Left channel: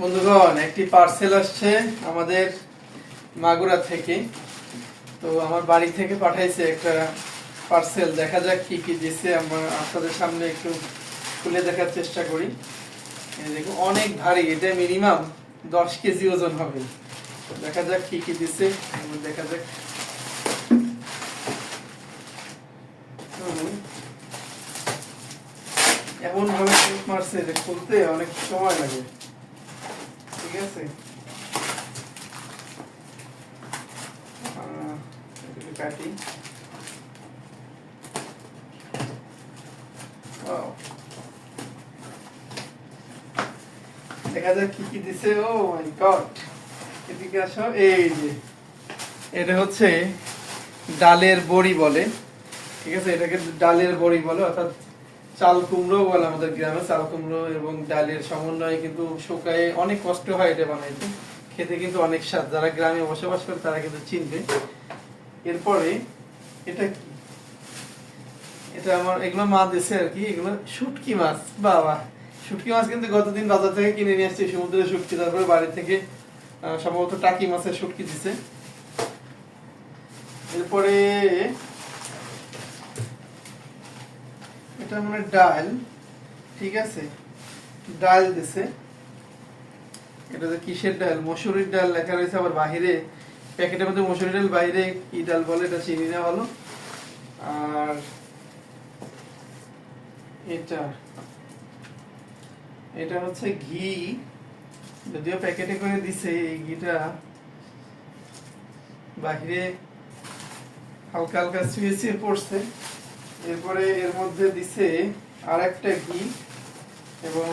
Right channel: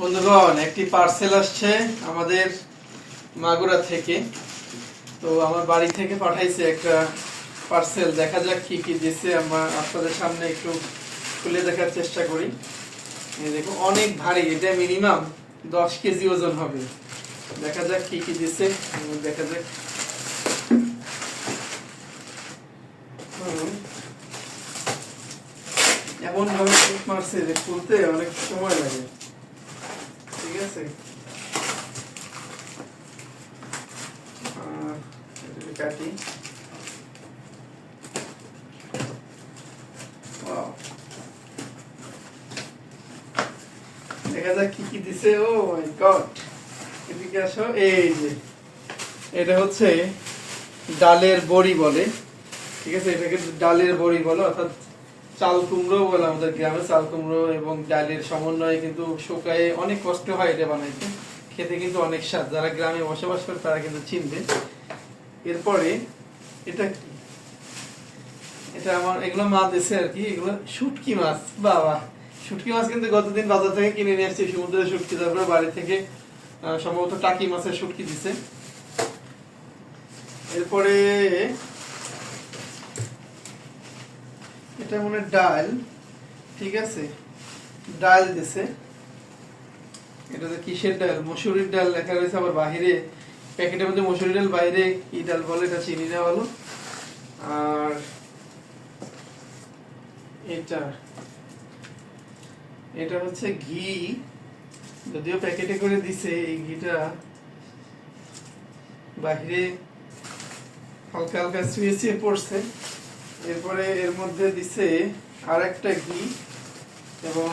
বন্ধুগণ, একটি পার্সেল আসছে আমাদের মাগুরা থেকে। তো আমার বাড়ি থেকে পাঠাইছে একটা পার্সেল। দেখা যাক কি কি দিছে। আমরা আপনাদের সামনে একটু খুলে দেখার চেষ্টা করি। এই দেখো, অনেক ভারী, এটা মিনিমাম 10 কেজি ওজন হবে। দেখা যাক কি কি দিছে। দেখা যাক। এমন ভাবে টেপ মারছে যে খুলতে অনেক সময় লাগে। ঠিক আছে, কাটি। দেখা যাক কি কি দিছে। ও মাই গড, এদিকে আসো। এই যে এটা হচ্ছে ডালের বড়ি বলে। ঠিক আছে, এটাকে ডালের বড়ি বলে, অর্থাৎ চাল কুমড়ো বলে আমাদের গ্রামে। চাল কুমড়ো এবং ডালের সমন্বয়ে কিন্তু শুকায়ে অনেক কষ্ট হয় এটা বানাইতে। খেতে কিন্তু অনেক স্বাদ। যারা গ্রামে বসবাস করে তারা কিন্তু চিনবে। এরপরে এটা কি? এটা আমার এগুলো মা দিছে আর কি। এগুলো শুটকি মাছ। বাবা, শুটকি মাছ কিন্তু গতদিন বাজার থেকে কিনে নিয়ে আসছি, সমুদ্রের শুটকি। তারপরে বাড়ি থেকে সম্ভবত টাকি মাছের শুটকি দিছে। এরপরে এটা মনে ডাল। ঠিক আছে, ডাল দিছে। এটা যে কিসের ডাল? মসুরির ডাল লেখা রয়েছে। আবার বাহিরে প্যাকেটের মধ্যে মসুরি ডাল, বাইরে কি ডাল বলে এটা চিনি না ভালো। আর এটা এটা হচ্ছে ঘি, যদিও প্যাকেটে করে দিছে। এই ঘিটা বাহিরে হালকা হালকা ছুঁয়ে ছুঁয়ে পড়ছে। এরপরে এর মধ্যে দিছে আর একটা ঘি এবং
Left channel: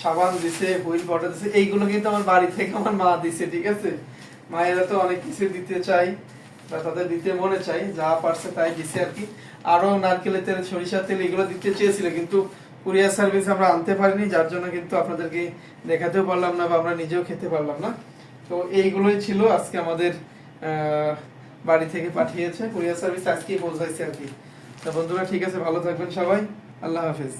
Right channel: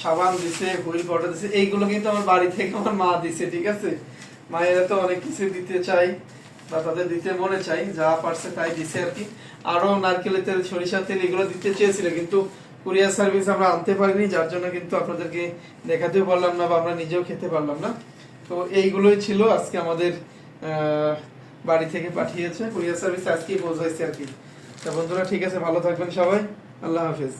সাবান দিছে, হুইল পাউডার দিছে। এইগুলো কিন্তু আমার বাড়ি থেকে আমার মা দিছে। ঠিক আছে, মায়েরা তো অনেক কিছু দিতে চাই বা তাদের দিতে মনে চাই, যা পারছে তাই দিছে আর কি। আরো নারকেলের তেল, সরিষার তেল এগুলো দিতে চেয়েছিল, কিন্তু কুরিয়ার সার্ভিস আমরা আনতে পারিনি, যার জন্য কিন্তু আপনাদেরকে দেখাতেও পারলাম না বা আমরা নিজেও খেতে পারলাম না। তো এইগুলোই ছিল আজকে আমাদের বাড়ি থেকে পাঠিয়েছে কুরিয়ার সার্ভিস, আজকেই পৌঁছাইছে আর কি। তো বন্ধুরা, ঠিক আছে, ভালো থাকবেন সবাই। আল্লাহ হাফিজ।